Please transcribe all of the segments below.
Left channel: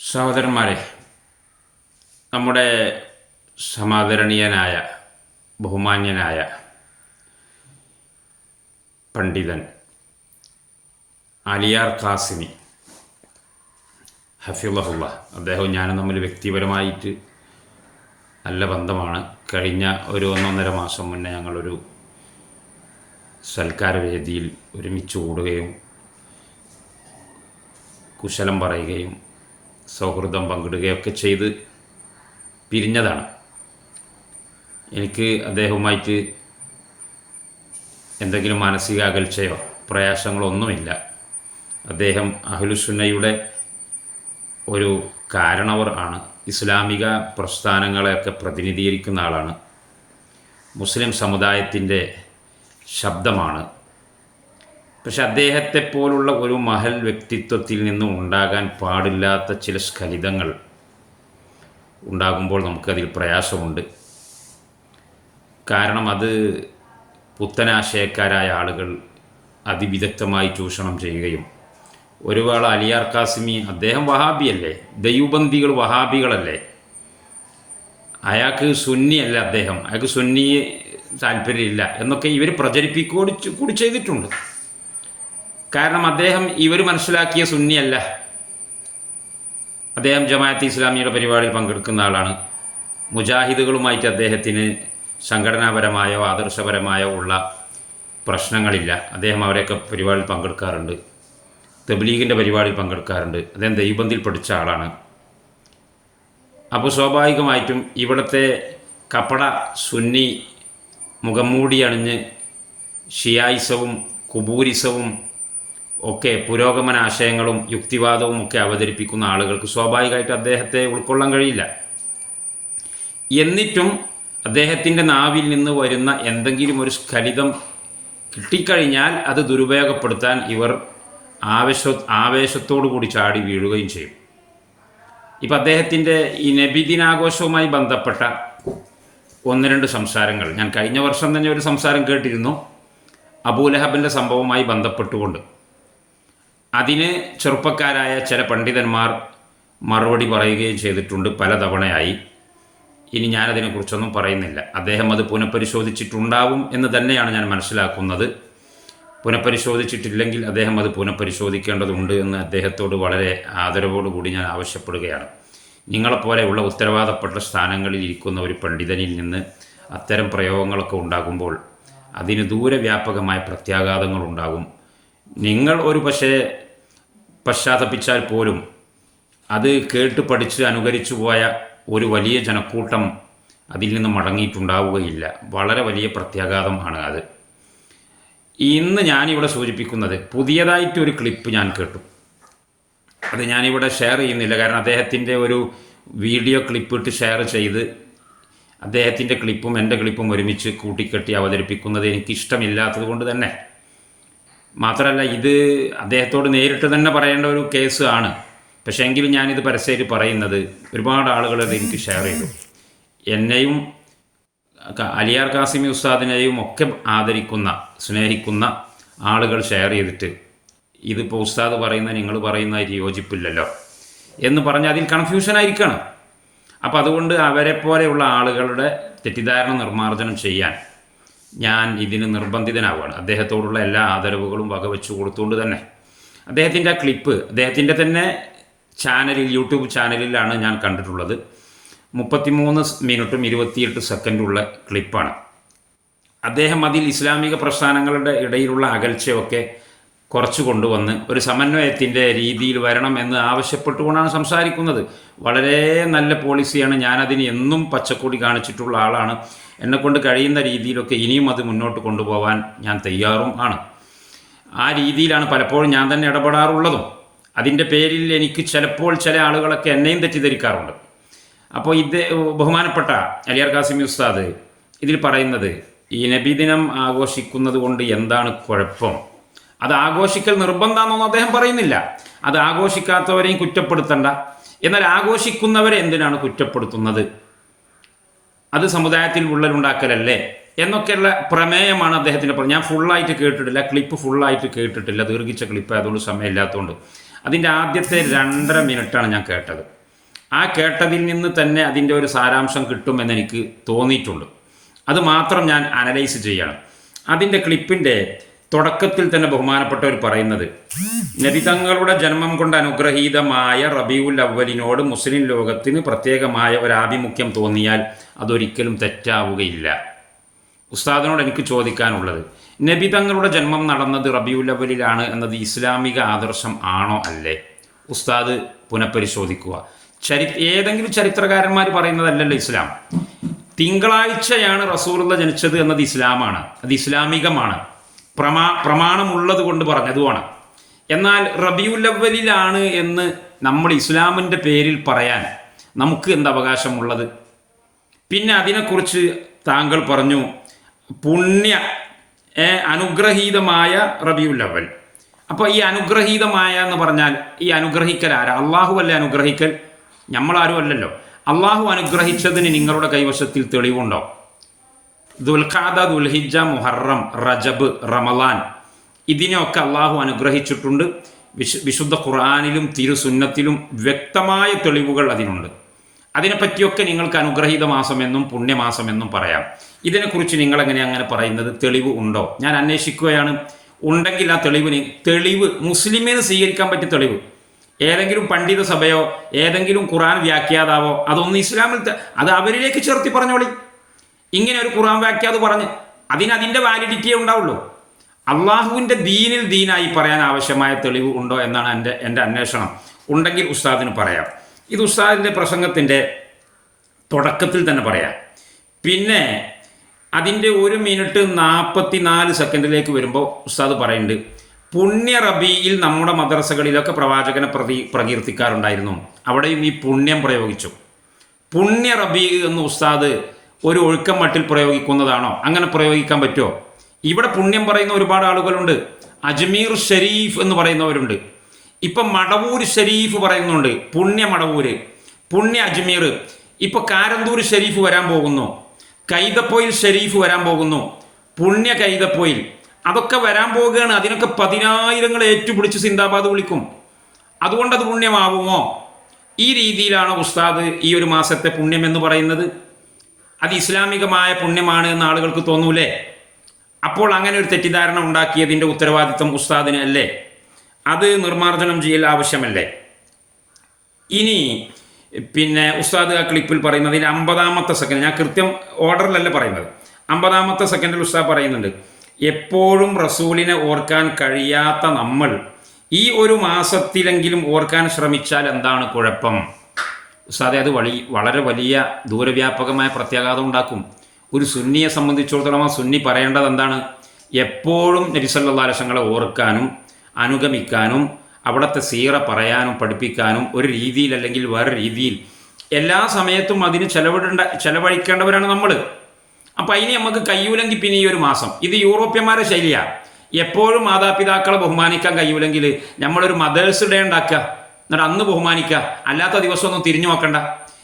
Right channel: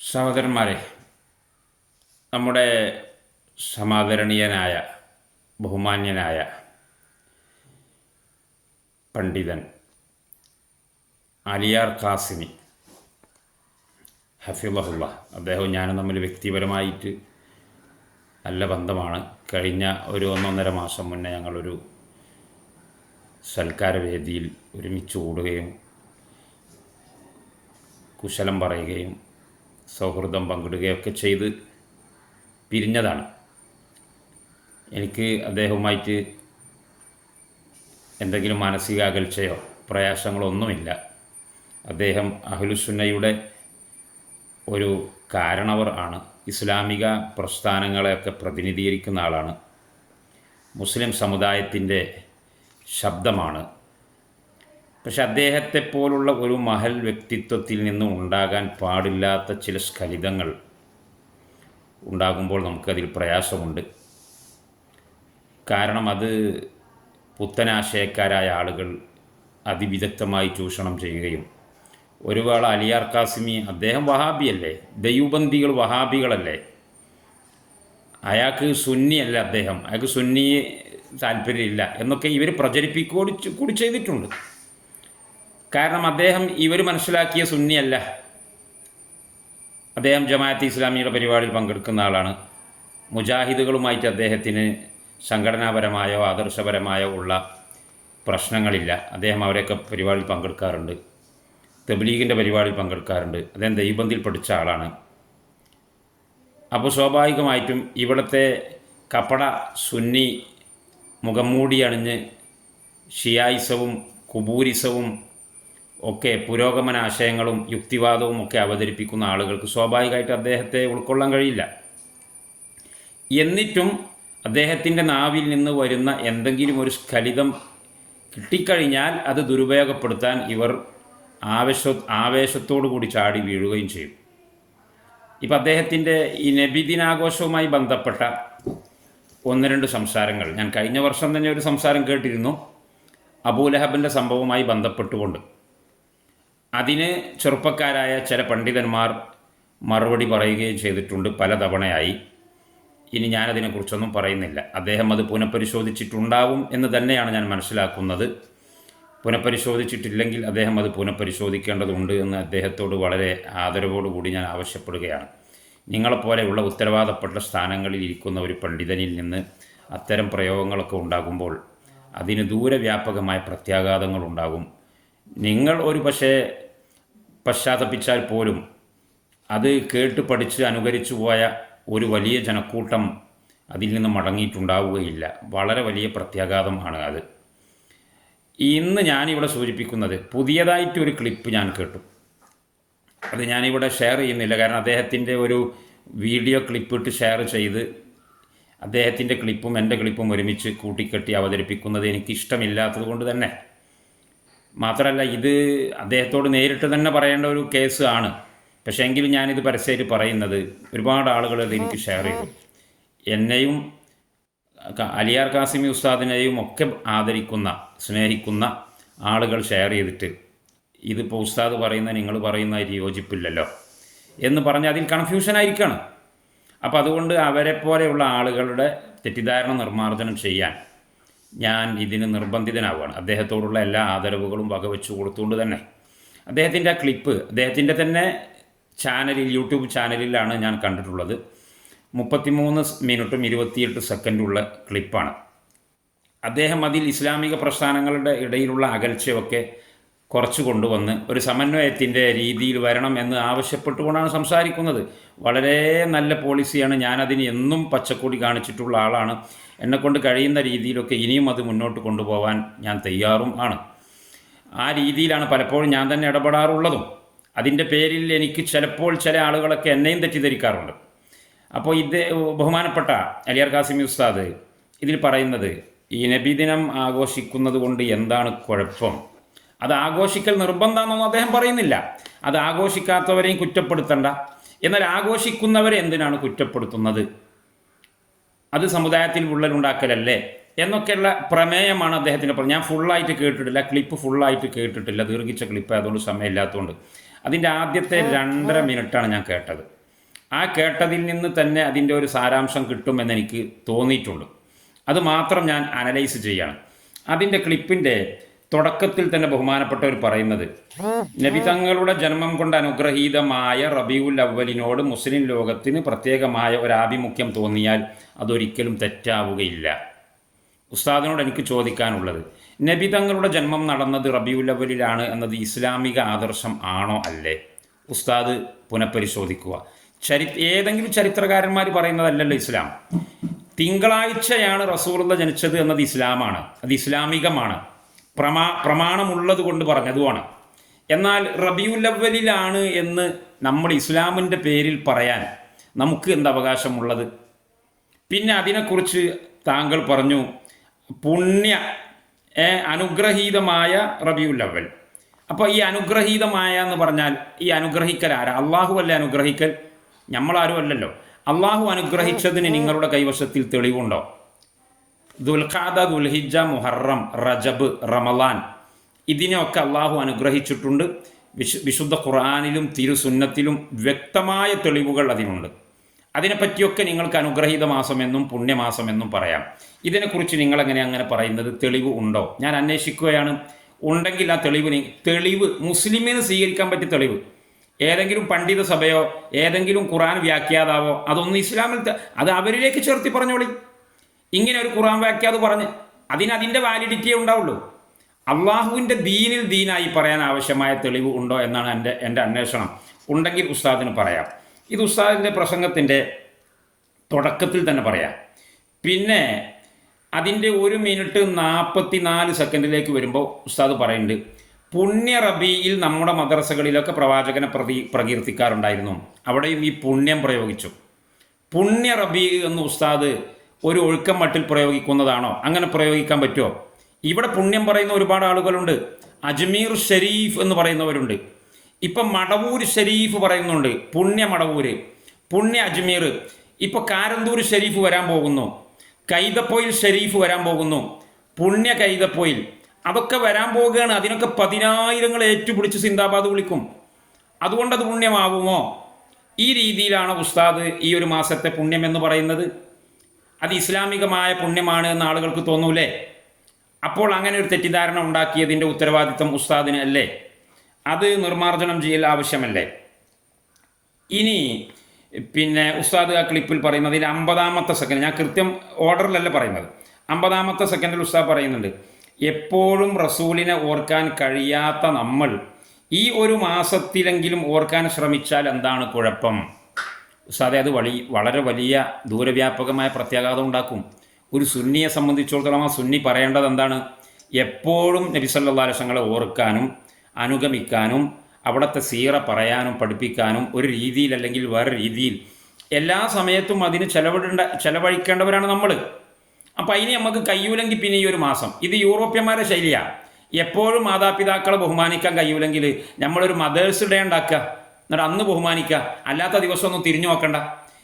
സഹോദരന്മാരെ നമ്മുടെ സമാദരണീയനായ ബഹുമാന്യനായ പണ്ഡിതൻ അലിയാർ ഖാസിമി ഹഫിള്ളഹുള്ള അദ്ദേഹവും ഞാനും തമ്മിൽ വ്യക്തിപരമായിട്ട് നല്ല ബന്ധമാണ്. കഴിഞ്ഞ ഒരു ഒന്നൊന്നര മാസം മുന്നേ ഞങ്ങളൊരു സൽക്കാര വേദിയിൽ ഒരുമിച്ച് കൂടുകയും കുശലം പറയുകയും സൗഹൃദം പങ്കിടുകയൊക്കെ ചെയ്ത് പിരിഞ്ഞതാണ്. എനിക്ക് അദ്ദേഹവുമായിട്ട് എന്തെങ്കിലും മാനസിക അകൽച്ചയോ പ്രയാസങ്ങളോ ഒന്നുമില്ല. അദ്ദേഹം അഹ്ലുസുന്നയുടെ ഒരു കാരണവർ ആണ്. ഇസ്ലാമിക പ്രസ്ഥാനങ്ങളെയൊക്കെ പ്രതിനിധീകരിക്കുന്ന ആളാണ്. മുസ്ലിം സമുദായത്തിന്റെ ശബ്ദമാണ് പക്ഷെ അദ്ദേഹത്തെ പോലുള്ള ഒരു മഹൽ വ്യക്തിത്വത്തിൽ നിന്നും ഉണ്ടാകാൻ പാടില്ലാത്ത ചില സ്ഖലിതങ്ങൾ ഉണ്ടാകുമ്പോൾ നമുക്കതിൽ പ്രയാസമുണ്ട്. കാരണം അത് പുത്തനാശയക്കാരായ ആളുകൾ അതിവിദഗ്ധമായി ചൂഷണം ചെയ്യുകയും ഒരുപാട് അലിയാർ കാസിമി അദ്ദേഹം വഹാബിയല്ലേ? ദൈവബന്ധികൾ വഹാബികളല്ലേ? അയാൾക്ക് സുന്നിയല്ല അദ്ദേഹം. അയാൾക്ക് സുന്നിയെ താല്പര്യമില്ല എന്നൊക്കെ ഇവർ പ്രചരിപ്പിക്കൂടി കൂടി ചെയ്തിട്ടുണ്ട്. കാരണം അദ്ദേഹം ഇവർ മനസ്സിലാക്കിയ സുന്നിയല്ല. അദ്ദേഹം ജമാഅത്ത് ഇസ്ലാമിയുടെ പരിപാടിയിൽ പങ്കെടുക്കുന്ന ആളാണ്. മുജാഹിദുകളുമായിട്ട് അദ്ദേഹത്തിന് സംഘടനാപരമായോ ആദർശപരമായോ ഉള്ള പ്രശ്നങ്ങളില്ല. അദ്ദേഹം അവരെയൊക്കെ പരിപാടിയിൽ പങ്കെടുക്കാറുണ്ട്. തബ്ലീഗിന്റെ പരിപാടിയിൽ പങ്കെടുക്കാറുണ്ട്. അദ്ദേഹം ദൈവബന്ധിൽ പഠിച്ച ആളാണ്. അപ്പോൾ സ്വാഭാവികമായിട്ടും ഇവിടുത്തെ കപ്പട സുന്നി മുഖംമൂടി അണിഞ്ഞ് ഷിയായിസവും കുബൂരിസവും ഒക്കെ പുരോഗമന ആശയങ്ങളും യുക്തിവാദവും ഒക്കെ അവതരിപ്പിക്കുന്ന ആളുകൾക്ക് സ്വാഭാവികമായിട്ട് അദ്ദേഹത്തെ ഉൾക്കൊള്ളാൻ കഴിയില്ല. എന്നിട്ടും അദ്ദേഹത്തിന്റെ നാവിൽ നിന്ന് വരുന്ന എന്തെങ്കിലും ഒരു സ്ഖലിതം കിട്ടിക്കഴിഞ്ഞാൽ അത് ദുരുപയോഗപ്പെടുത്താൻ ഇവർ ആവേശ ആവേശത്തോടു കൂടി ചാടി വീഴുകയും ചെയ്യും. ഇപ്പം അദ്ദേഹത്തിന്റെ ഈ നബിദിനാഘോഷവുമായി ബന്ധപ്പെട്ട ഒന്ന് രണ്ട് സംസാരങ്ങൾ. ഞാൻ കഴിഞ്ഞ വർഷം തന്നെ ഒരു സംസാരം കേട്ടിരുന്നു. അബൂലഹബിന്റെ സംഭവവുമായി ബന്ധപ്പെട്ടുകൊണ്ട്. അതിന് ചെറുപ്പക്കാരായ ചില പണ്ഡിതന്മാർ മറുപടി പറയുകയും ചെയ്തിട്ടുണ്ട്. പല തവണയായി ഇനി ഞാനതിനെക്കുറിച്ചൊന്നും പറയുന്നില്ല. അദ്ദേഹം അത് പുനഃപരിശോധിച്ചിട്ടുണ്ടാവും എന്ന് തന്നെയാണ് ഞാൻ മനസ്സിലാക്കുന്നത്. പുനഃപരിശോധിച്ചിട്ടില്ലെങ്കിൽ അദ്ദേഹം അത് പുനഃപരിശോധിക്കേണ്ടതുണ്ട് എന്ന് അദ്ദേഹത്തോട് വളരെ ആദരവോടുകൂടി ഞാൻ ആവശ്യപ്പെടുകയാണ്. നിങ്ങളെപ്പോലെയുള്ള ഉത്തരവാദപ്പെട്ട സ്ഥാനങ്ങളിൽ ഇരിക്കുന്ന ഒരു പണ്ഡിതനിൽ നിന്ന് അത്തരം പ്രയോഗങ്ങളൊക്കെ ഉണ്ടാകുമ്പോൾ അതിന് ദൂരവ്യാപകമായ പ്രത്യാഘാതങ്ങൾ ഉണ്ടാകും നിങ്ങൾ ഒരു പക്ഷേ പശ്ചാത്തപിച്ചാൽ പോലും അത് കേട്ട് പഠിച്ച് അനുകരിച്ചു പോയ ഒരു വലിയ ജനക്കൂട്ടം അതിൽ നിന്ന് മടങ്ങിയിട്ടുണ്ടാവുകയില്ല. വളരെ വലിയ പ്രത്യാഘാതമാണ് അത്. ഇന്ന് ഞാനിവിടെ സൂചിപ്പിക്കുന്നത് പുതിയതായിട്ടൊരു ക്ലിപ്പ് ഞാൻ കേട്ടു. അത് ഞാനിവിടെ ഷെയർ ചെയ്യുന്നില്ല. കാരണം അദ്ദേഹത്തിന്റെ ഒരു വീഡിയോ ക്ലിപ്പ് ഇട്ട് ഷെയർ ചെയ്ത് അദ്ദേഹത്തിന്റെ ക്ലിപ്പും എന്റെ ക്ലിപ്പും ഒരുമിച്ച് കൂട്ടിക്കെട്ടി അവതരിപ്പിക്കുന്നത് എനിക്കിഷ്ടമില്ലാത്തത് കൊണ്ട് തന്നെ. മാത്രമല്ല ഇത് അദ്ദേഹത്തോട് നേരിട്ട് തന്നെ പറയേണ്ട ഒരു കേസ് ആണ്. പക്ഷേ എങ്കിലും ഞാനിത് പരസ്യമായിട്ട് പറയുന്നത് ഒരുപാട് ആളുകൾ അത് എനിക്ക് ഷെയർ ചെയ്തു. എന്നെയും അലിയാർ കാസിമി ഉസ്താദിനെയും ഒക്കെ ആദരിക്കുന്ന സ്നേഹിക്കുന്ന ആളുകൾ ഷെയർ ചെയ്തിട്ട് ഇതിപ്പോൾ ഉസ്താദ് പറയുന്ന നിങ്ങൾ പറയുന്നതായിട്ട് യോജിപ്പില്ലല്ലോ എന്ന് പറഞ്ഞാൽ അതിൽ കൺഫ്യൂഷൻ ആയിരിക്കണം. അപ്പോൾ അതുകൊണ്ട് അവരെ പോലെയുള്ള ആളുകളുടെ തെറ്റിദ്ധാരണ നിർമ്മാർജനം ചെയ്യാൻ ഞാൻ ഇതിന് നിർബന്ധിതനാവുകയാണ്. അദ്ദേഹത്തോടുള്ള എല്ലാ ആദരവുകളും വകവെച്ചു കൊടുത്തുകൊണ്ട് തന്നെ. അദ്ദേഹത്തിന്റെ ക്ലിപ്പ് അദ്ദേഹത്തിന്റെ തന്നെ ചാനലിൽ യൂട്യൂബ് ചാനലിലാണ് ഞാൻ കണ്ടിട്ടുള്ളത്. മുപ്പത്തിമൂന്ന് മിനിറ്റും ഇരുപത്തിയെട്ട് സെക്കൻഡുള്ള ക്ലിപ്പാണ്. അദ്ദേഹം അതിൽ ഇസ്ലാമിക പ്രസ്ഥാനങ്ങളുടെ ഇടയിലുള്ള അകൽച്ചയൊക്കെ കുറച്ച് കൊണ്ടുവന്ന് ഒരു സമന്വയത്തിന്റെ രീതിയിൽ വരണം എന്ന് ആവശ്യപ്പെട്ടുകൊണ്ടാണ് സംസാരിക്കുന്നത്. വളരെ നല്ല പോളിസിയാണ്. ഞാനതിന് എന്നും പച്ചക്കൊടി കാണിച്ചിട്ടുള്ള ആളാണ്. എന്നെക്കൊണ്ട് കഴിയുന്ന രീതിയിലൊക്കെ ഇനിയും അത് മുന്നോട്ട് കൊണ്ടുപോകാൻ ഞാൻ തയ്യാറും ആണ്. ആ രീതിയിലാണ് പലപ്പോഴും ഞാൻ തന്നെ ഇടപെടാറുള്ളതും. അതിന്റെ പേരിൽ എനിക്ക് ചിലപ്പോൾ ചില ആളുകളൊക്കെ എന്നെയും തെറ്റിദ്ധരിക്കാറുണ്ട്. അപ്പോൾ ഇത് ബഹുമാനപ്പെട്ട അലിയാർ കാസിമി ഉസ്താദ് ഇതിൽ പറയുന്നത് ഈ നബിദിനം ആഘോഷിക്കുന്നത് കൊണ്ട് എന്താണ് കുഴപ്പം? അത് ആഘോഷിക്കൽ നിർബന്ധമാണെന്നൊന്നും അദ്ദേഹം പറയുന്നില്ല. അത് ആഘോഷിക്കാത്തവരെയും കുറ്റപ്പെടുത്തണ്ട. എന്നാൽ ആഘോഷിക്കുന്നവരെ എന്തിനാണ് കുറ്റപ്പെടുത്തുന്നത്? അത് സമുദായത്തിൽ ഉള്ളരുണ്ടാക്കലല്ലേ? എന്നൊക്കെയുള്ള പ്രമേയമാണ് അദ്ദേഹത്തിന്റെ ഞാൻ ഫുള്ളായിട്ട് കേട്ടിട്ടില്ല ക്ലിപ്പ് ഫുള്ളായിട്ട് കേട്ടിട്ടില്ല. ദീർഘിച്ച ക്ലിപ്പ് അതുകൊണ്ട് സമയമില്ലാത്തതുകൊണ്ട്. അതിന്റെ ആദ്യത്തെ രണ്ടര മിനിറ്റാണ് ഞാൻ കേട്ടത്. ആ കേട്ടതിൽ നിന്ന് തന്നെ അതിന്റെ ഒരു സാരാംശം കിട്ടുമെന്ന് എനിക്ക് തോന്നിയിട്ടുണ്ട്. അത് മാത്രം ഞാൻ അനലൈസ് ചെയ്യണം. അതിന്റെ ക്ലിപ്പിന്റെ തുടക്കത്തിൽ തന്നെ ബഹുമാനപ്പെട്ടവർ പറയുന്നത് നബി തങ്ങളുടെ ജന്മം കൊണ്ട് അനുഗ്രഹീതമായ റബിയുൽ അവലിനോട് മുസ്ലിം ലോകത്തിന് പ്രത്യേകമായ ഒരു ആഭിമുഖ്യം തോന്നിയാൽ അതൊരിക്കലും തെറ്റാവുകയില്ല. ഉസ്താദിനോട് എനിക്ക് ചോദിക്കാനുള്ളത് നബി തങ്ങളുടെ ജന്മം നടന്നത് റബിയുൽ അവലിലാണ് എന്നത് ഇസ്ലാമിക ആദർശം ആണോ അല്ലേ? ഉസ്താദ് പുനഃപരിശോധിക്കുക ചരി ഏതെങ്കിലും ചരിത്രകാരന്മാർ പറയുന്നതല്ലല്ലോ ഇസ്ലാം. തിങ്കളാഴ്ചയാണ് റസൂറുള്ള ജനിച്ചത് എന്നത് ഇസ്ലാമാണ് അത് ഇസ്ലാമികമാണ്. പ്രമാ പ്രമാണമുള്ളത് കൊണ്ട് പറഞ്ഞതുമാണ്. എന്നാൽ റബിയുൽ അവലിലാണ് എന്ന് നമ്മൾ ഇസ്ലാമിന്റെ പേരിൽ പറയാൻ നമുക്ക് എന്ത് അവകാശമുള്ളത്? പിന്നെ അതിനെക്കുറിച്ച് താങ്കൾ പറഞ്ഞു പുണ്യ അനുഗ്രഹീതമായ റബിയുൽ അവൽ അപ്പോൾ ഈ അനുഗ്രഹീതമായ എന്ന് പറഞ്ഞാൽ ഈ അനുഗ്രഹിക്കൽ ആരാ? അള്ളാഹു അല്ലേ അനുഗ്രഹിക്കൽ? നമ്മളാരും അല്ലല്ലോ. അള്ളാഹു അനുഗ്രഹിച്ചതിന് നിങ്ങളുടെ കൈവശത്തിൽ തെളിവുണ്ടോ? ദുൽഖാദ ദുൽഹിജ മുഹറം റജബ് റമലാൻ. ഇതിനെയൊക്കെ അള്ളാഹു അനുഗ്രഹിച്ചിട്ടുണ്ട്. വിശു വിശുദ്ധ ഖുർആാനിലും തിരുസുന്നത്തിലും വ്യക്തമായ തെളിവുകൾ അതിനുണ്ട്. അതിനെപ്പറ്റിയൊക്കെ നിങ്ങൾക്ക് അനുഗ്രഹീത മാസമെന്നും പുണ്യമാസമെന്നും പറയാം. ഇതിനെക്കുറിച്ച് നിങ്ങളെങ്ങനെ അങ്ങനെ പറയുന്നത്? തെളിവ് ഉണ്ടോ? ഞാൻ അന്വേഷിക്കുകയാണ്. ഉണ്ടെങ്കിൽ ആ തെളിവ് തെളിവ് മുസ്ലിമിന് സ്വീകരിക്കാൻ പറ്റിയ തെളിവ്. ഏതെങ്കിലും പണ്ഡിത സഭയോ ഏതെങ്കിലും ഖുറാൻ വ്യാഖ്യാതാവോ അതൊന്നും ഇസ്ലാമിൽ അത് അവരിലേക്ക് ചേർത്തി പറഞ്ഞോളി. ഇങ്ങനെ ഒരു ഖുർആൻ വാക്യാത് പറഞ്ഞ് അതിന് അതിന്റെ വാലിഡിറ്റിയേ ഉണ്ടാവുള്ളൂ. അള്ളാഹുവിന്റെ ദീനിൽ ദീനായി പറയാൻ ആവശ്യമായ തെളിവ് ഉണ്ടോ എന്നാണ് എന്റെ എന്റെ അന്വേഷണം. ഉണ്ടെങ്കിൽ ഉസ്താദിന് പറയാം. ഇത് ഉസ്താദിന്റെ പ്രസംഗത്തിന്റെ തുടക്കത്തിൽ തന്നെ പറയാം. പിന്നെ അതിന്റെ ഒരു മിനിറ്റ് നാൽപ്പത്തി നാല് സെക്കൻഡിലേക്ക് വരുമ്പോൾ ഉസ്താദ് പറയുന്നുണ്ട് പുണ്യ റബിയിൽ നമ്മുടെ മദ്രസകളിലൊക്കെ പ്രവാചകനെ പ്രതി പ്രകീർത്തിക്കാറുണ്ടായിരുന്നു. അവിടെയും ഈ പുണ്യം പ്രയോഗിച്ചു. പുണ്യ റബി എന്ന് ഉസ്താദ് ഒരു ഒഴുക്കം മട്ടിൽ പ്രയോഗിക്കുന്നതാണോ? അങ്ങനെ പ്രയോഗിക്കാൻ പറ്റുമോ? ഇവിടെ പുണ്യം പറയുന്ന ഒരുപാട് ആളുകളുണ്ട്. അജ്മീർ ഷെരീഫ് എന്ന് പറയുന്നവരുണ്ട്. ഇപ്പം മടവൂർ ഷെരീഫ് പറയുന്നുണ്ട്. പുണ്യ മടവൂര്. പുണ്യ അജ്മീർ. ഇപ്പം കാരന്തൂർ ഷെരീഫ് വരാൻ പോകുന്നു. കൈതപ്പൊയിൽ ഷെരീഫ് വരാൻ പോകുന്നു. പുണ്യ കൈതപ്പൊയിൽ. അതൊക്കെ വരാൻ പോവുകയാണ് അതിനൊക്കെ പതിനായിരങ്ങൾ ഏറ്റുപിടിച്ച് സിന്ദാബാദ് വിളിക്കും. അതുകൊണ്ട് അത് പുണ്യമാവുമോ? ഈ രീതിയിലാണ് ഉസ്താദ് ഈ ഒരു മാസത്തെ പുണ്യം എന്ന് പറയുന്നത്. അത് ഇസ്ലാമികമായ പുണ്യമാണ് എന്ന് ആളുകൾക്ക് തോന്നൂലേ? അപ്പോൾ അങ്ങനെ ഒരു തെറ്റിദ്ധാരണ ഉണ്ടാക്കിയതിന്റെ ഉത്തരവാദിത്വം ഉസ്താദിന് അല്ലേ? അത് നിർമ്മാർജനം ചെയ്യൽ ആവശ്യമല്ലേ? ഇനി പിന്നെ ഉസ്താദ് ആ ക്ലിപ്പിൽ പറയുന്നത് ഇതിൽ അമ്പതാമത്തെ സെക്കൻഡ് ഞാൻ കൃത്യം ഓർഡറിലല്ല പറയുന്നത്? അമ്പതാമത്തെ സെക്കൻഡിൽ ഉസ്താദ് പറയുന്നുണ്ട് എപ്പോഴും റസൂലിനെ ഓർക്കാൻ കഴിയാത്ത നമ്മൾ ഈ ഒരു മാസത്തിലെങ്കിലും ഓർക്കാൻ ശ്രമിച്ചാൽ എന്താണ് കുഴപ്പം? ഉസ്താദെ അത് വളി വളരെ വലിയ ദൂരവ്യാപകമായ പ്രത്യാഘാതം ഉണ്ടാക്കും. ഒരു സുന്നിയെ സംബന്ധിച്ചിടത്തോളം ആ സുന്നി പറയേണ്ടത് എന്താണ്? എപ്പോഴും നബിസല്ലാലശങ്ങളെ ഓർക്കാനും അനുഗമിക്കാനും അവിടുത്തെ സീറ പറയാനും പഠിപ്പിക്കാനും ഒരു രീതിയിൽ അല്ലെങ്കിൽ വേറെ രീതിയിൽ എല്ലാ സമയത്തും അതിന് ചെലവിടേണ്ട ചെലവഴിക്കേണ്ടവരാണ് നമ്മൾ അപ്പം അതിന് നമുക്ക് കയ്യൂലെങ്കിൽ പിന്നെ ഈ ഒരു മാസം. ഇത് യൂറോപ്യന്മാരുടെ ശൈലിയാണ് എപ്പോഴും മാതാപിതാക്കളെ ബഹുമാനിക്കാൻ കഴിയൂലെങ്കിൽ നമ്മളൊരു മദേഴ്സ് ഡേ ഉണ്ടാക്കുക. എന്നിട്ട് അന്ന് ബഹുമാനിക്കുക. അല്ലാത്ത ദിവസമൊന്നും തിരിഞ്ഞു നോക്കണ്ട.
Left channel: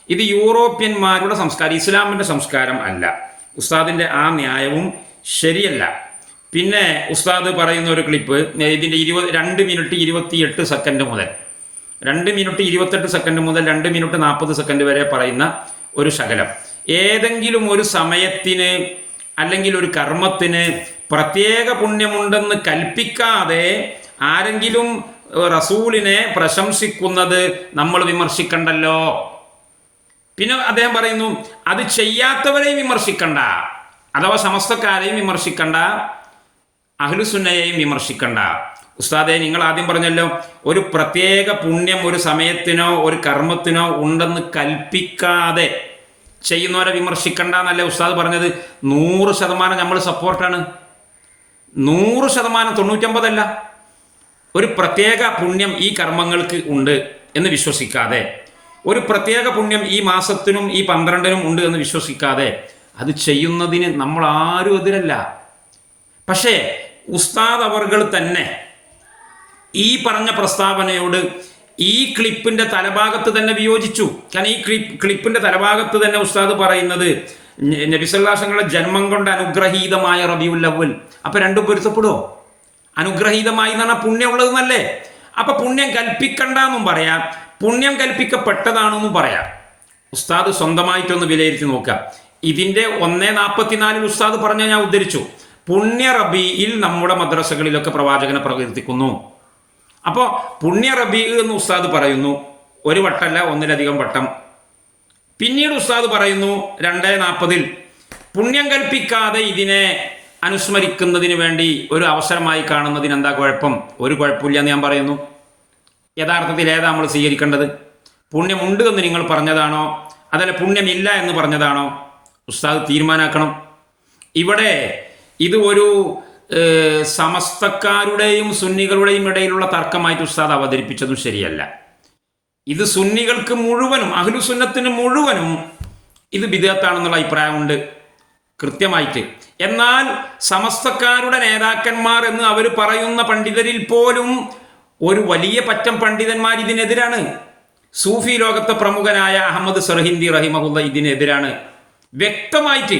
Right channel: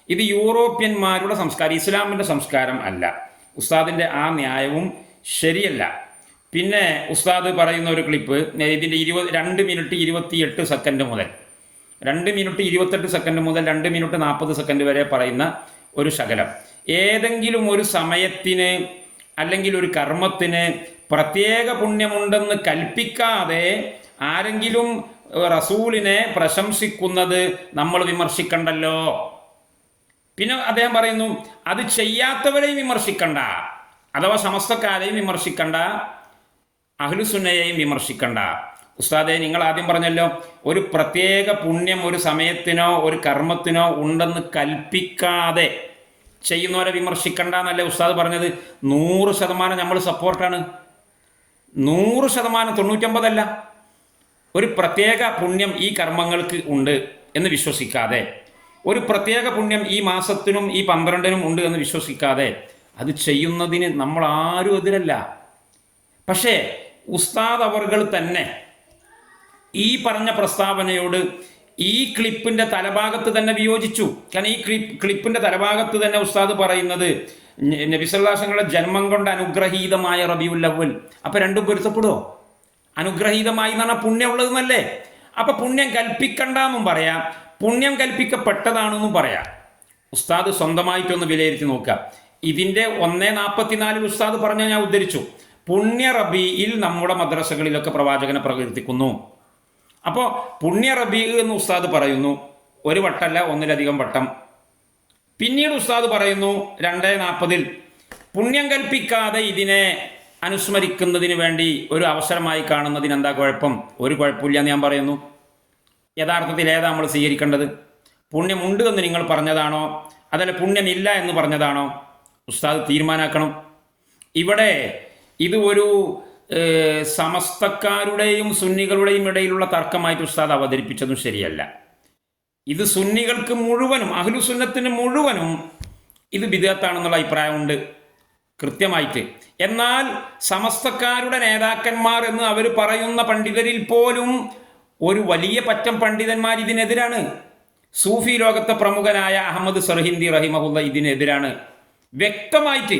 ഇത് യൂറോപ്യന്മാരുടെ സംസ്കാരം ഇസ്ലാമിന്റെ സംസ്കാരം അല്ല. ഉസ്താദിന്റെ ആ ന്യായവും ശരിയല്ല. പിന്നെ ഉസ്താദ് പറയുന്ന ഒരു ക്ലിപ്പ് ഇതിന്റെ ഇരുപത് രണ്ട് മിനിറ്റ് ഇരുപത്തിയെട്ട് സെക്കൻഡ് മുതൽ രണ്ട് മിനിറ്റ് ഇരുപത്തെട്ട് സെക്കൻഡ് മുതൽ രണ്ട് മിനിറ്റ് നാൽപ്പത് സെക്കൻഡ് വരെ പറയുന്ന ഒരു ശകലം. ഏതെങ്കിലും ഒരു സമയത്തിന് അല്ലെങ്കിൽ ഒരു കർമ്മത്തിന് പ്രത്യേക പുണ്യമുണ്ടെന്ന് കൽപ്പിക്കാതെ ആരെങ്കിലും റസൂലിനെ പ്രശംസിക്കുന്നത് നമ്മൾ വിമർശിക്കണ്ടല്ലോ. പിന്നെ അദ്ദേഹം പറയുന്നു അത് ചെയ്യാത്തവരെയും വിമർശിക്കണ്ട അഥവാ സമസ്തക്കാരെയും വിമർശിക്കണ്ട അഹ്ലുസുന്നയെയും വിമർശിക്കണ്ട. ഉസ്താദെ നിങ്ങൾ ആദ്യം പറഞ്ഞല്ലോ ഒരു പ്രത്യേക പുണ്യം ഒരു സമയത്തിനോ ഒരു കർമ്മത്തിനോ ഉണ്ടെന്ന് കൽപ്പിക്കാതെ ചെയ്യുന്നവരെ വിമർശിക്കണ്ട എന്നല്ലേ ഉസ്താദ് പറഞ്ഞത്? നൂറ് ശതമാനം നമ്മൾ സപ്പോർട്ടാണ് നൂറ് ശതമാനം തൊണ്ണൂറ്റൊമ്പതല്ല. ഒരു പ്രത്യേക പുണ്യം ഈ കർമ്മങ്ങൾക്ക് ഉണ്ട് എന്ന് വിശ്വസിക്കാതെ ഒരു പ്രത്യേക പുണ്യം ഈ മാസത്തിനും ഈ പന്ത്രണ്ടിനും ഉണ്ട് എന്ന് വിശ്വസിക്കാതെ അത് ചെയ്യുന്നതിന് നമ്മൾ ആരും എതിരല്ല. പക്ഷേ ഉസ്താദ് അവർകൾ തന്നെ ഈ പറഞ്ഞ പ്രസ്താവനയോട് ഈ ക്ലിപ്പിന്റെ തലഭാഗത്ത് തന്നെ വിയോജിച്ചു. കാരണം ഈ ക്ലിപ്പ് ക്ലിപ്പിന്റെ തലഭാഗത്ത് തന്നെ ഉസ്താദ് പറയുന്നത് നബിസല്ലാസങ്ങളുടെ ജന്മം കൊണ്ട് അനുഗ്രഹീതമായ റബിയുല്ലവൽ അപ്പൊ രണ്ടും പൊരുത്തപ്പെടുമോ അനുഗ്രഹീതമായി എന്ന് പറഞ്ഞാൽ പുണ്യമുള്ളത് എന്നല്ലേ അപ്പൊ പുണ്യം കൽപ്പിക്കണ്ടെന്നും പറയാം. പുണ്യം കൽപ്പിക്കപ്പെട്ടതാണെന്നും പറയാം. ഉസ്താദ് സ്വന്തമായിട്ടൊന്ന് വിലയിരുത്തി നോക്കുക ഇതിന്റെ ഒന്നേ നാൽപ്പത്തിനാലിൽ ഉസ്താദ് പറഞ്ഞ ഞാൻ ഉദ്ധരിച്ചു. പുണ്യ റബിയിൽ നമ്മുടെ മദ്രസകളിലൊക്കെ പ്രവാചകനെ പ്രകീർത്തിക്കുന്നു. അപ്പോൾ പുണ്യ റബി എന്ന് ഉസ്താദ് പറയുന്നു. ഒരു വട്ടമല്ല ഒന്നിലധികം വട്ടം. പിന്നീട് ഉസ്താദ് പറയുന്നു രണ്ടേ നാൽപ്പതിൽ പുണ്യം കൽപ്പിക്കാതെ ഇതിനെ അനുസ്മരിക്കുന്നതിന് വേണ്ടി ഒരു അവസരമായി കാണുന്നതിന് എന്താ കുഴപ്പം? ഒരു കുഴപ്പമില്ല എന്ന് ഞാൻ പറയുന്നു. യഥാർത്ഥത്തിൽ ഏതാ നമ്മൾ സ്വീകരിക്കേണ്ടത്? പുണ്യമുണ്ട് എന്ന് നിങ്ങൾ പറഞ്ഞതാണോ? അതല്ല പുണ്യമില്ല എന്ന് പറഞ്ഞതാണോ? ഉസ്താദ് തീരുമാനാക്കണം. ഇവിടെ ഇത് ഒരു സമസ്തക്കാരുടെയും സുന്നികളുടെയും ഇടയിലുള്ള തർക്കമായിട്ട് ഉസ്താദ് അവതരിപ്പിച്ചതും ശരിയല്ല. ഇത് സുന്നികൾക്ക് മുഴുവനും അഹ്ലുസുന്നത്തിന് മുഴുവനും ഇത് വിദേഹത്താണെന്നുള്ള അഭിപ്രായമുണ്ട്. കൃത്യമായിട്ട്. എന്നാൽ സമസ്തക്കാരുടെ നേതാക്കന്മാർ എന്ന് അവർ പറയുന്ന പണ്ഡിതരിൽ പോലും ഒരു വലിയ പറ്റം പണ്ഡിതന്മാർ ഇതിനെതിരാണ്. സൂഫി ലോകത്തെ പ്രമുഖനായ അഹമ്മദ് സർഹിന്ദി റഹിമഹുല്ല ഇതിനെതിരാണ്. വ്യക്തമായിട്ട്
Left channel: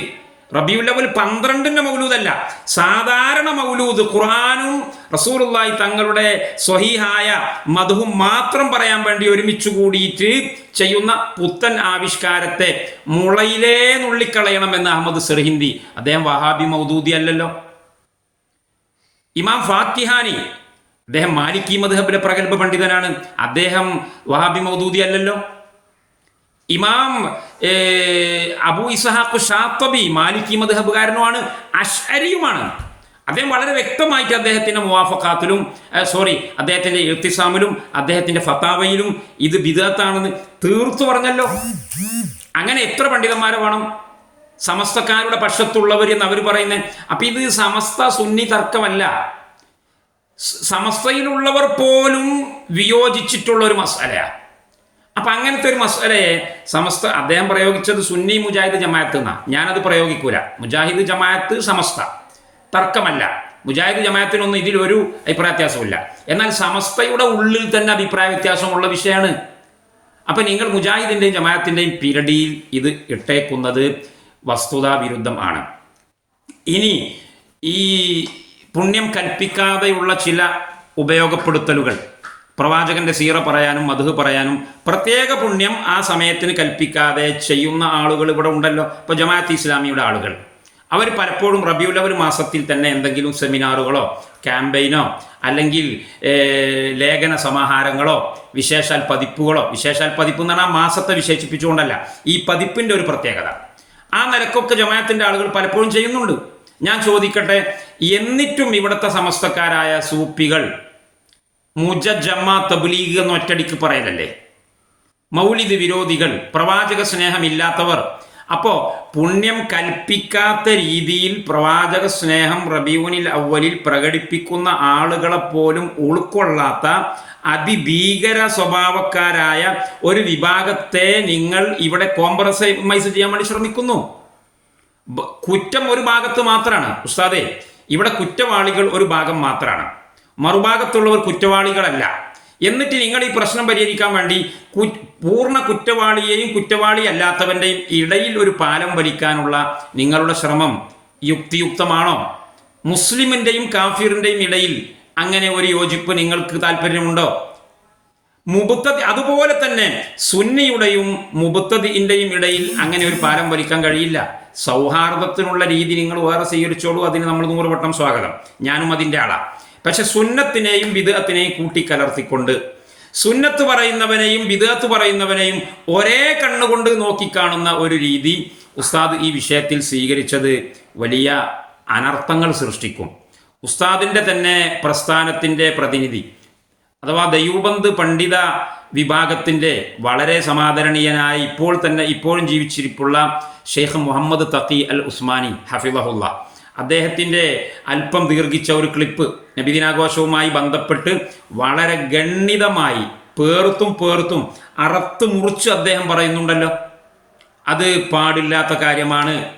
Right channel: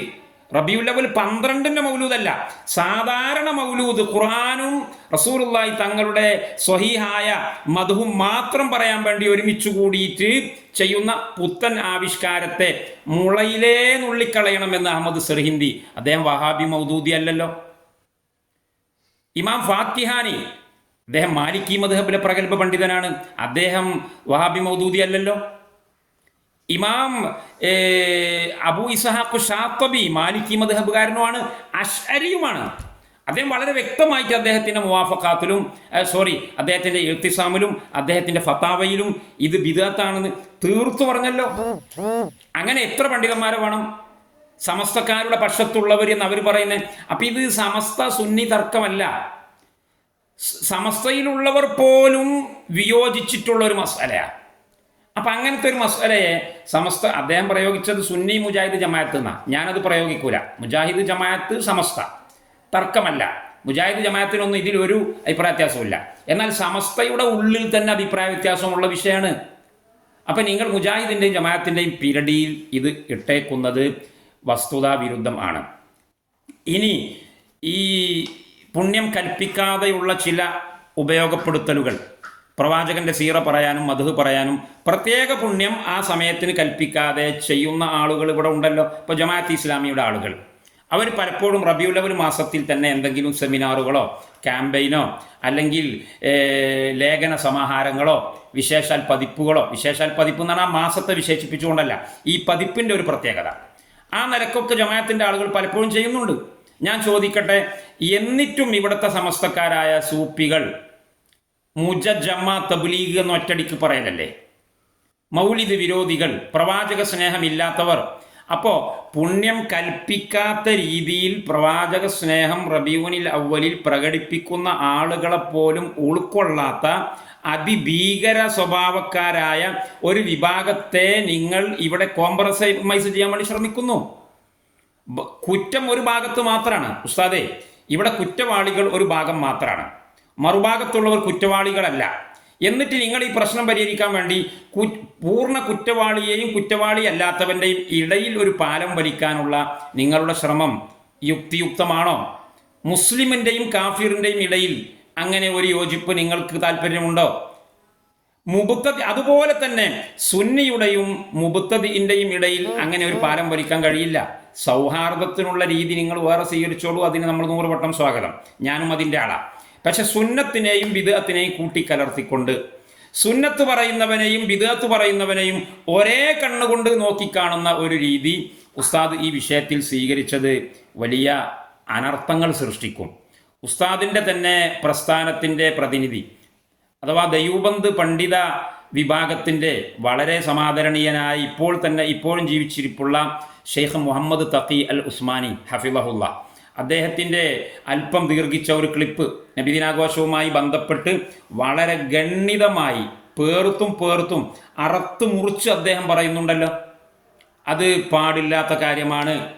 റബിയുല്ലവൽ പന്ത്രണ്ടിന്റെ മൗലൂദല്ല. സാധാരണ മൗലൂദ് ഖുർആാനും റസൂറുള്ളായി തങ്ങളുടെ സ്വഹീഹായ മധുവും മാത്രം പറയാൻ വേണ്ടി ഒരുമിച്ച് കൂടിയിട്ട് ചെയ്യുന്ന പുത്തൻ ആവിഷ്കാരത്തെ മുളയിലേ നുള്ളിക്കളയണമെന്ന് അഹമ്മദ് സർഹിന്ദി അദ്ദേഹം വഹാബി മൗദൂദി അല്ലല്ലോ. ഇമാം ഫാത്തിഹാനി അദ്ദേഹം മാലിക്കി മദ്ഹബിലെ പ്രഗത്ഭ പണ്ഡിതനാണ്. അദ്ദേഹം വഹാബി മൗദൂദി അല്ലല്ലോ. ഇമാം അബു ഇസഹാഖ് ഷാത്തബി മാലിക്കി മദ്ഹബുകാരനുമാണ് അഷ്അരിയുമാണ്. അദ്ദേഹം വളരെ വ്യക്തമായിട്ട് അദ്ദേഹത്തിന്റെ മുവാഫക്കാത്തിലും സോറി അദ്ദേഹത്തിന്റെ ഇർത്തിസാമിലും അദ്ദേഹത്തിന്റെ ഫത്താവയിലും ഇത് ബിദത്താണെന്ന് തീർത്തു പറഞ്ഞല്ലോ. അങ്ങനെ എത്ര പണ്ഡിതന്മാരെ വേണം? സമസ്തക്കാരുടെ പക്ഷത്തുള്ളവർ എന്ന് അവർ പറയുന്നത് അപ്പൊ ഇത് സമസ്ത സുന്നി തർക്കമല്ല. സമസ്തയിലുള്ളവർ പോലും വിയോജിച്ചിട്ടുള്ള ഒരു മസാലയാണ് അപ്പൊ അങ്ങനത്തെ ഒരു മസാലയെ സമസ്ത അദ്ദേഹം പ്രയോഗിച്ചത് സുന്നി മുജാഹിദ് ജമാഅത്ത് എന്നാ. ഞാനത് പ്രയോഗിക്കൂല. മുജാഹിദ് ജമാഅത്ത് സമസ്ത. തർക്കമല്ല. മുജാഹിദ് ജമാഅത്തിനൊന്നും ഇതിലൊരു അഭിപ്രായ വ്യത്യാസമില്ല. എന്നാൽ സമസ്തയുടെ ഉള്ളിൽ തന്നെ അഭിപ്രായ വ്യത്യാസമുള്ള വിഷയമാണ് അപ്പൊ നിങ്ങൾ മുജാഹിദിന്റെയും ജമാഅത്തിന്റെയും പിരടിയിൽ ഇത് ഇട്ടേക്കുന്നത് വസ്തുതാ വിരുദ്ധം ആണ്. ഇനി ഈ പുണ്യം കൽപ്പിക്കാതെയുള്ള ചില ഉപയോഗപ്പെടുത്തലുകൾ. പ്രവാചകന്റെ സീറ പറയാനും മധു പറയാനും പ്രത്യേക പുണ്യം ആ സമയത്തിന് കൽപ്പിക്കാതെ ചെയ്യുന്ന ആളുകൾ ഇവിടെ ഉണ്ടല്ലോ. ഇപ്പൊ ജമാഅത്ത് ഇസ്ലാമിയുടെ ആളുകൾ. അവർ പലപ്പോഴും റബിയുലവൽ മാസത്തിൽ തന്നെ എന്തെങ്കിലും സെമിനാറുകളോ ക്യാമ്പയിനോ അല്ലെങ്കിൽ ലേഖന സമാഹാരങ്ങളോ വിശേഷാൽ പതിപ്പുകളോ വിശേഷാൽ പതിപ്പ് എന്ന് പറഞ്ഞാൽ മാസത്തെ വിശേഷിപ്പിച്ചുകൊണ്ടല്ല ഈ പതിപ്പിന്റെ ഒരു പ്രത്യേകത. ആ നിലക്കൊക്കെ ജമാഅത്തിന്റെ ആളുകൾ പലപ്പോഴും ചെയ്യുന്നുണ്ട്. ഞാൻ ചോദിക്കട്ടെ എന്നിട്ടും ഇവിടുത്തെ സമസ്തക്കാരായ സൂപ്പികൾ മുജജമ്മ തബ്ലീഗ് എന്ന് ഒറ്റടിക്ക് പറയലല്ലേ? മൗലിദ് വിരോധികൾ പ്രവാചക സ്നേഹമില്ലാത്തവർ. അപ്പോ പുണ്യം കൽപ്പിക്കാത്ത രീതിയിൽ പ്രവാചക സ്നേഹം റബീവനിൽ അവലിൽ പ്രകടിപ്പിക്കുന്ന ആളുകളെ പോലും ഉൾക്കൊള്ളാത്ത അതിഭീകര സ്വഭാവക്കാരായ ഒരു വിഭാഗത്തെ നിങ്ങൾ ഇവിടെ കോംപ്രമൈസ് ചെയ്യാൻ വേണ്ടി ശ്രമിക്കുന്നു. കുറ്റം ഒരു ഭാഗത്ത് മാത്രമാണ് ഉസ്താദേ ഇവിടെ കുറ്റവാളികൾ ഒരു ഭാഗം മാത്രമാണ് മറുഭാഗത്തുള്ളവർ കുറ്റവാളികളല്ല. എന്നിട്ട് നിങ്ങൾ ഈ പ്രശ്നം പരിഹരിക്കാൻ വേണ്ടി പൂർണ കുറ്റവാളിയെയും കുറ്റവാളി അല്ലാത്തവന്റെയും ഇടയിൽ ഒരു പാലം വലിക്കാനുള്ള നിങ്ങളുടെ ശ്രമം യുക്തിയുക്തമാണോ? മുസ്ലിമിന്റെയും കാഫിറിന്റെയും ഇടയിൽ അങ്ങനെ ഒരു യോജിപ്പ് നിങ്ങൾക്ക് താല്പര്യമുണ്ടോ? മുബുത്ത അതുപോലെ തന്നെ സുന്നിയുടെയും മുബുത്തതിന്റെയും ഇടയിൽ അങ്ങനെ ഒരു പാലം വലിക്കാൻ കഴിയില്ല. സൗഹാർദ്ദത്തിനുള്ള രീതി നിങ്ങൾ വേറെ സ്വീകരിച്ചോളൂ. അതിന് നമ്മൾ നൂറ് വട്ടം സ്വാഗതം. ഞാനും അതിന്റെ ആളാ. പക്ഷെ സുന്നത്തിനെയും വിദഗത്തിനെയും കൂട്ടിക്കലർത്തിക്കൊണ്ട് സുന്നത്ത് പറയുന്നവനെയും വിദഗത്ത് പറയുന്നവനെയും ഒരേ കണ്ണുകൊണ്ട് നോക്കിക്കാണുന്ന ഒരു രീതി ഉസ്താദ് ഈ വിഷയത്തിൽ സ്വീകരിച്ചത് വലിയ അനർത്ഥങ്ങൾ സൃഷ്ടിക്കും. ഉസ്താദിന്റെ തന്നെ പ്രസ്ഥാനത്തിന്റെ പ്രതിനിധി അഥവാ ദൈവബന്ധ് പണ്ഡിത വിഭാഗത്തിന്റെ വളരെ സമാദരണീയനായ ഇപ്പോൾ തന്നെ ഇപ്പോഴും ജീവിച്ചിരിപ്പുള്ള ഷെയ്ഖ് മുഹമ്മദ് തഖി അൽ ഉസ്മാനി ഹഫിളഹുല്ല അദ്ദേഹത്തിന്റെ അല്പം ദീർഘിച്ച ഒരു ക്ലിപ്പ് നബിദിനാഘോഷവുമായി ബന്ധപ്പെട്ട് വളരെ ഗണ്ണിതമായി പേർത്തും പേർത്തും അറത്ത് മുറിച്ച് അദ്ദേഹം പറയുന്നുണ്ടല്ലോ. അത് പാടില്ലാത്ത കാര്യമാണ്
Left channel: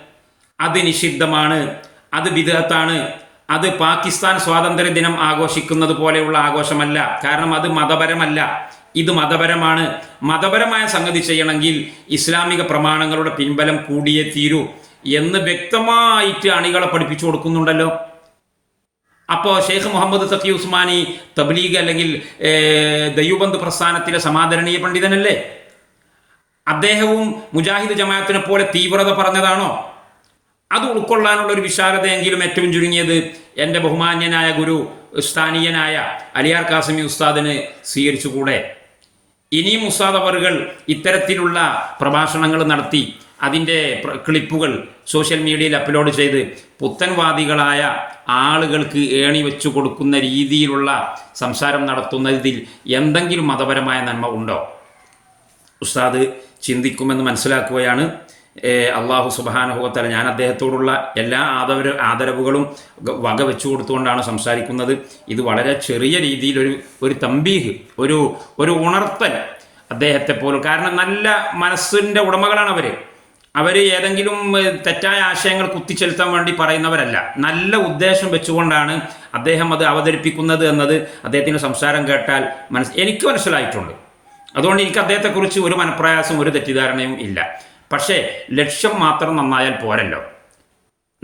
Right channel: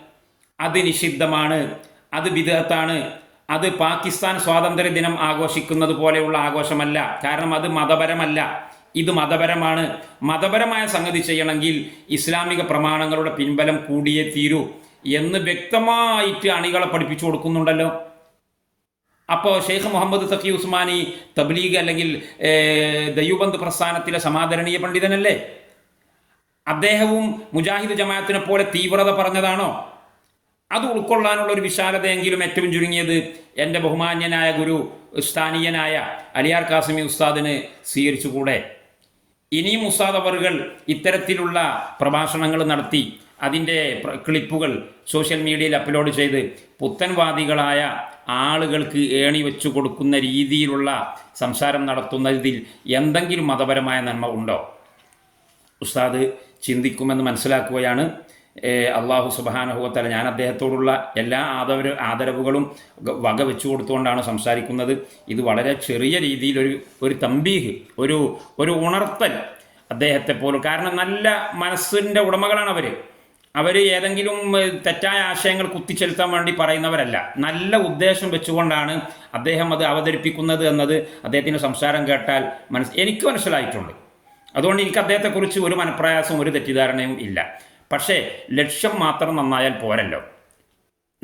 അത് നിഷിദ്ധമാണ് അത് വിദഗത്താണ് അത് പാകിസ്ഥാൻ സ്വാതന്ത്ര്യ ദിനം ആഘോഷിക്കുന്നത് പോലെയുള്ള ആഘോഷമല്ല. കാരണം അത് മതപരമല്ല. ഇത് മതപരമാണ്. മതപരമായ സംഗതി ചെയ്യണമെങ്കിൽ ഇസ്ലാമിക പ്രമാണങ്ങളുടെ പിൻബലം കൂടിയേ തീരൂ. എന്ന് വ്യക്തമായിട്ട് അണികളെ പഠിപ്പിച്ചു കൊടുക്കുന്നുണ്ടല്ലോ. അപ്പോൾ ഷെയ്ഖ് മുഹമ്മദ് സഖി ഉസ്മാനി തബ്ലീഗ് അല്ലെങ്കിൽ ഏർ, പ്രസ്ഥാനത്തിലെ സമാദരണീയ പണ്ഡിതനല്ലേ? അദ്ദേഹവും മുജാഹിദ് ജമാഅത്തിനെ പോലെ തീവ്രത പറഞ്ഞതാണോ? അത് ഉൾക്കൊള്ളാനുള്ള ഒരു വിശാലതയെങ്കിലും ഏറ്റവും ചുരുങ്ങിയത് എന്റെ ബഹുമാന്യനായ ഗുരു സ്ഥാനീയനായ അലിയാർ കാസമി ഉസ്താദിന് സ്വീകരിച്ചുകൂടെ? ഇനിയും ഉസ്താദ് അവറുകൾ ഇത്തരത്തിലുള്ള പ്രഭാഷണങ്ങൾ നടത്തി അതിന്റെ ക്ലിപ്പുകൾ സോഷ്യൽ മീഡിയയിൽ അപ്ലോഡ് ചെയ്ത് പുത്തൻവാദികളായ ആളുകൾക്ക് ഏണി വെച്ചു കൊടുക്കുന്ന രീതിയിലുള്ള സംസാരം നടത്തുന്നതിൽ എന്തെങ്കിലും മതപരമായ നന്മ ഉണ്ടോ? ഉസ്താദ് ചിന്തിക്കുമെന്ന് മനസ്സിലാക്കുകയാണ്. അള്ളാഹു സുബാനഹുവത്തല ഞാൻ അദ്ദേഹത്തോടുള്ള എല്ലാ ആദര ആദരവുകളും വക വെച്ചു കൊടുത്തുകൊണ്ടാണ് സംസാരിക്കുന്നത്. ഇത് വളരെ ചെറിയ രീതിയിൽ ഒരു ഒരു തമ്പീഹ് ഒരു ഒരു ഉണർത്തൽ അദ്ദേഹത്തെ പോലും. കാരണം നല്ല മനസ്സിന്റെ ഉടമകളാണ് അവർ അവർ ഏതെങ്കിലും തെറ്റായ ആശയങ്ങൾ കുത്തിച്ചെലുത്താൻ വേണ്ടി പറയുന്നവരല്ല. നല്ല ഉദ്ദേശം വെച്ചുകൊണ്ടാണ് അദ്ദേഹം അത് അവതരിപ്പിക്കുന്നത് എന്നത് അദ്ദേഹത്തിന്റെ സംസാരം കേട്ടാൽ മനസ് എനിക്ക് മനസ്സിലായിട്ടുണ്ട്. അതുകൊണ്ട് എനിക്ക് അദ്ദേഹത്തെക്കുറിച്ച് ഒരു മനപ്രയാസം ഒരു തെറ്റിദ്ധാരണയും ഇല്ല. പക്ഷേ ലക്ഷ്യം മാത്രം നന്നായാൽ പോരല്ലോ.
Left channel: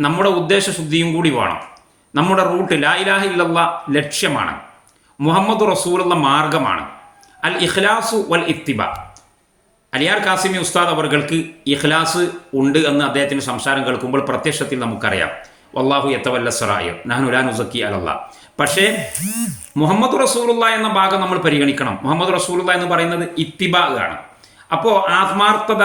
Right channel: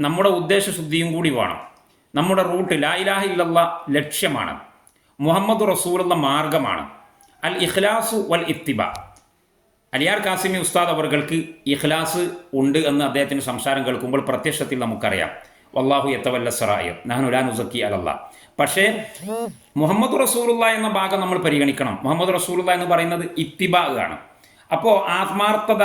നമ്മുടെ ഉദ്ദേശശുദ്ധിയും കൂടി വേണം. നമ്മുടെ റൂട്ട് ലാ ഇലാഹ ഇല്ലല്ല ലക്ഷ്യമാണ്. മുഹമ്മദ് റസൂലുള്ള മാർഗമാണ്. അൽ ഇഖ്ലാസു വൽ ഇത്തിബ അലിയാർ കാസിമി ഉസ്താദ് അവർക്ക് ഇഖ്ലാസ് ഉണ്ട് എന്ന് അദ്ദേഹത്തിന്റെ സംസാരം കേൾക്കുമ്പോൾ പ്രത്യക്ഷത്തിൽ നമുക്കറിയാം. വല്ലാഹു എത്തവല്ല സറായ നഹനുലാനുസക്കി അലല്ല. പക്ഷേ മുഹമ്മദ് റസൂലുള്ള എന്ന ഭാഗം നമ്മൾ പരിഗണിക്കണം. മുഹമ്മദ് റസൂലുള്ള എന്ന് പറയുന്നത് ഇത്തിബാഗാണ് അപ്പോൾ ആത്മാർത്ഥത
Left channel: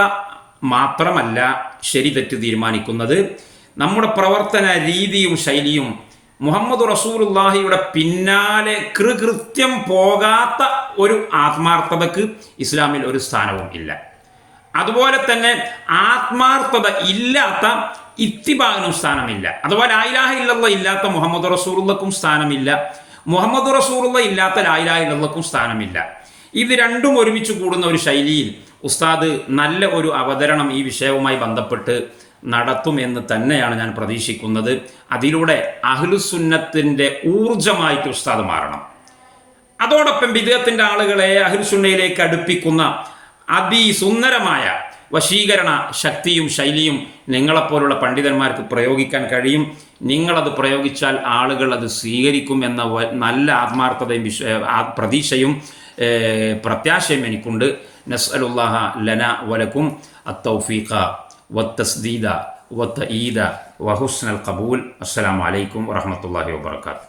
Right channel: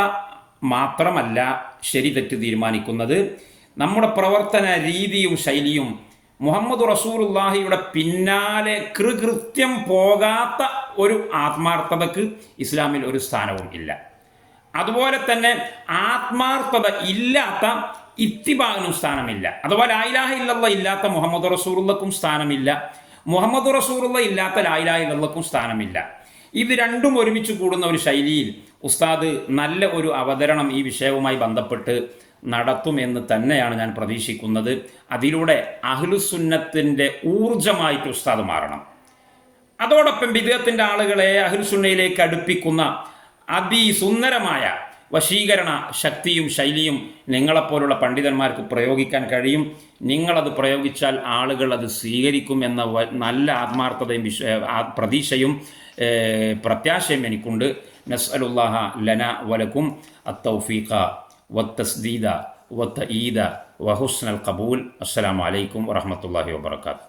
മാത്രമല്ല ശരി തെറ്റ് തീരുമാനിക്കുന്നത്. നമ്മുടെ പ്രവർത്തന രീതിയും ശൈലിയും മുഹമ്മദ് റസൂലുള്ളാഹിയുടെ പിന്നാലെ കൃകൃത്യം പോകാത്ത ഒരു ആത്മാർത്ഥതക്ക് ഇസ്ലാമിൽ ഒരു സ്ഥാനവും ഇല്ല. അതുപോലെ തന്നെ ആത്മാർത്ഥത ഇല്ലാത്ത ഇത്തിബാഗിനും സ്ഥാനമില്ല. അഥവാ ലായിലാഹ ഇല്ലല്ല ഇല്ലാത്ത മുഹമ്മദ് റസൂറുള്ളക്കും സ്ഥാനമില്ല. മുഹമ്മദ് റസൂറുള്ള ഇല്ലാത്ത ലായിലാഹ ഇല്ലല്ലക്കും സ്ഥാനമില്ല. ഇത് രണ്ടും ഒരുമിച്ച് കൂടുന്ന ഒരു ശൈലിയിൽ ഉസ്താദ് നല്ല ഒരു അവതരണം ഈ വിഷയവുമായി ബന്ധപ്പെട്ട് നടത്തുമെന്ന് തന്നെയാണ് ഞാൻ പ്രതീക്ഷിക്കുന്നത്. അതിലൂടെ അഹ്ലുസുന്നത്തിന്റെ ഊർജമായിട്ട് ഉസ്താദ് മാറണം. അതോടൊപ്പം വിദേഹത്തിന്റെ ആളുകളെ അഹ്ലുസുന്നയിലേക്ക് അടുപ്പിക്കുന്ന അതിസുന്ദരമായ വശീകരണ ശക്തിയും ശൈലിയും നിങ്ങളെപ്പോലുള്ള പണ്ഡിതന്മാർക്ക് പ്രയോഗിക്കാൻ കഴിയും. നിങ്ങളത് പ്രയോഗിച്ചാൽ ആളുകൾ അത് സ്വീകരിക്കും എന്ന നല്ല ആത്മാർത്ഥതയും വിശ്വ പ്രതീക്ഷയും പ്രത്യാശയും എനിക്കുണ്ട്. നസ്അലുല്ലാഹ ലന വലക്കും അത്തൗഫീഖ. والتسديد والتأييد وحسن القبول. السلام عليكم ورحمة الله وبركاته.